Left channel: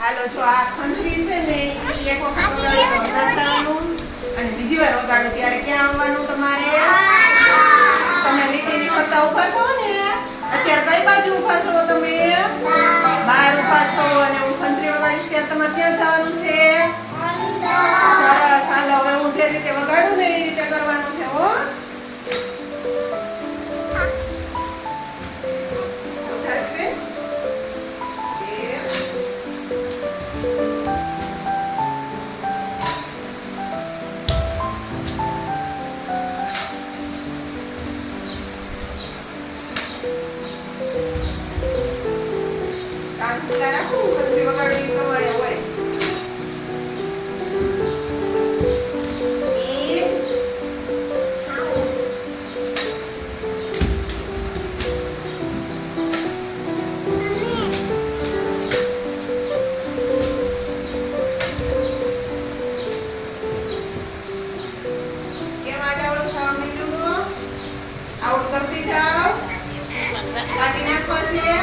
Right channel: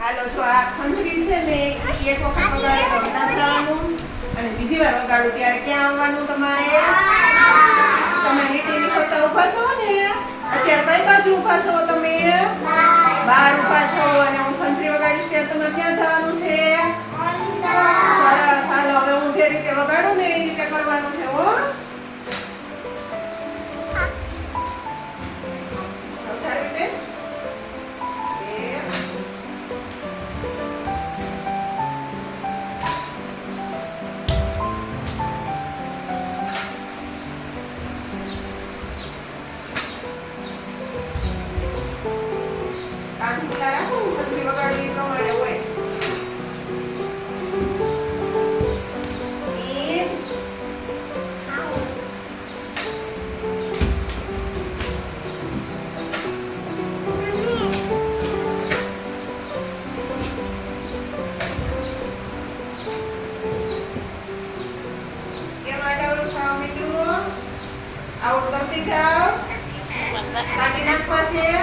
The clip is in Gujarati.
હાલો જો આ ખંજરી છે ને ઈ એક વખત વગાડવાનું અને બીજી વાર વગાડો ત્યારે ક્યાં આવવાનું તમારે? તમે લીટીની ફરતા ઊભા છો ને અત્યારે કઈ બાજુ ઊભા છો તમે? બહાર ઊભા છો અને હું ખંજરી વગાડીશ ત્યારે તમારે ક્યાં જવાનું છે? સરસ. હાલો હવે હું જે રીતે વગાડું ને એ રીતે કરવાનું છે હો. ઉતારી બેન. આઉટ કરતી જાઓ. કાઢી નાખવા છે.